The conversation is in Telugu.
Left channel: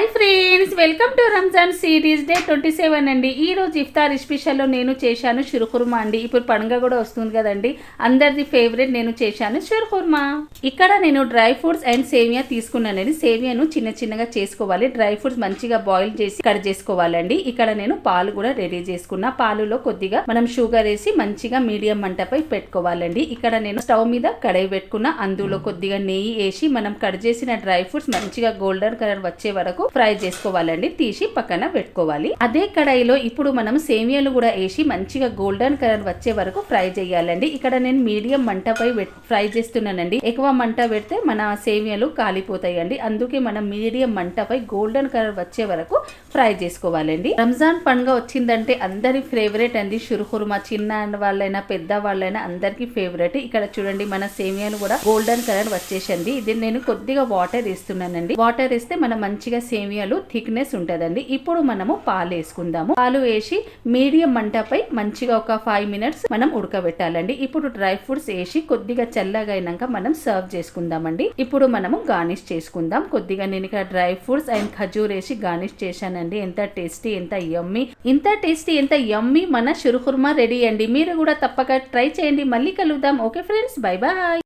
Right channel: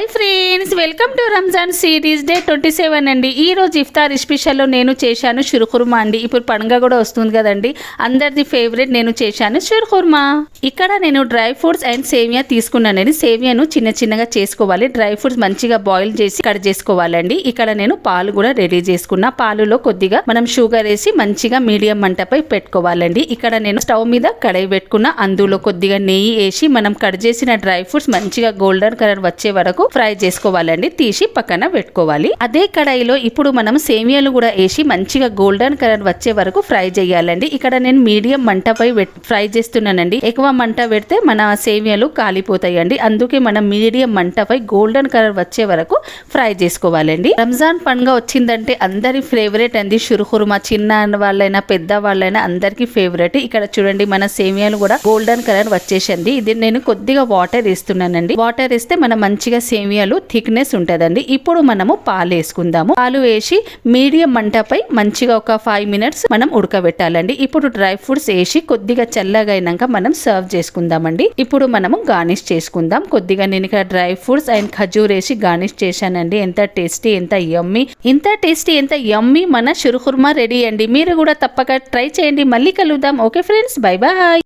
Hi friends, welcome to Ramzan series day 27 అండి. ఈ రోజు ఇఫ్తార్ స్పెషల్లో నేను చేశాను షిర్కుర్మా అండి. ఇప్పుడు పండుగ కూడా వస్తుంది కదండి, అందరిది ఫేవరెట్. నేను చేశాను షిర్కుర్మా. ఇక్కడ నేను డ్రై ఫ్రూట్స్ అండ్ సేమియా తీసుకున్నానండి. సేమియాను చిన్న చిన్నగా చేసుకోవాలి. డ్రై ఫ్రూట్స్ మంచిగా బాయిల్ చేసి కట్ చేసుకోవాలండి. ఇక్కడ నేను పాలు కూడా రెడీ చేసుకున్నా. పాలులో కొద్దిగా మనం షుగర్ వేసి మంచిగా మీడియం మంటపై పెట్టుకోవాలండి. ఇక్కడ నేను స్టవ్ మీద కడాయి పెట్టుకున్నా. అందులో కొద్దిగా నెయ్యి వేసి మనం కట్ చేసిన డ్రై ఫ్రూట్స్ మంచిగా గోల్డెన్ కలర్ వచ్చే వరకు ఫ్రై చేసుకోవాలండి. తీసి పక్కన పెట్టుకోవాలి. అదే కడాయిలో ఇప్పుడు మనం సేమియాలు కూడా వేసి మంచిగా గోల్డెన్ కలర్ వచ్చే వరకు ఫ్రై చేయాలండి. ఇక్కడ నేను మీడియం మంటపై ఫ్రై చేస్తున్నానండి. ఎక్కువ మంట పెడితే మన సేమియాలు కాలిపోతాయండి. అందుకే మనం మీడియం మంటపై గోల్డెన్ కలర్ వచ్చే వరకు ఫ్రై చేసుకోవాలండి. రంజాన్ పండుగ వచ్చిందంటే అందరి ఫేవరెట్ అండి షిర్కుర్మా. చిన్న వాళ్ళైనా పెద్ద వాళ్ళైనా అందరికి ఫేవరెట్. ఇక్కడ చూడండి, మన సేమియాలు కూడా గోల్డెన్ కలర్ వచ్చేసింది. ఇది నేను కొద్దిగా వాటర్ వేస్తున్నానండి. వాటర్ వేస్తే మనం మంచిగా సేమియాలు థిక్నెస్ ఉంటదండి. ఇప్పుడు మనము పాలు వేసుకుందాము. పాలు వేసి మీడియం మంటపై మంచిగా ఒక 5 minutes మనం ఉడకబెట్టాలండి. ఇప్పుడు డ్రై ఫ్రూట్స్ వేసి కొద్దిగా చల్లగా అయినాక మనం సర్వ్ చేసుకుందామండి. ఇప్పుడు మనము గార్నిష్ చేసుకుందాం. కొద్దిగా నేను ఇక్కడ డ్రై ఫ్రూట్స్ అండ్ ఖజూర్ వేసి గార్నిష్ చేశానండి. ఎంత టేస్టీ, ఎంత యమ్మీ మన షిర్కుర్మా రెడీ అండి. మీరు కూడా తప్పక ట్రై చేయండి. మళ్ళీ కలుద్దాం. Okay friends, bye bye.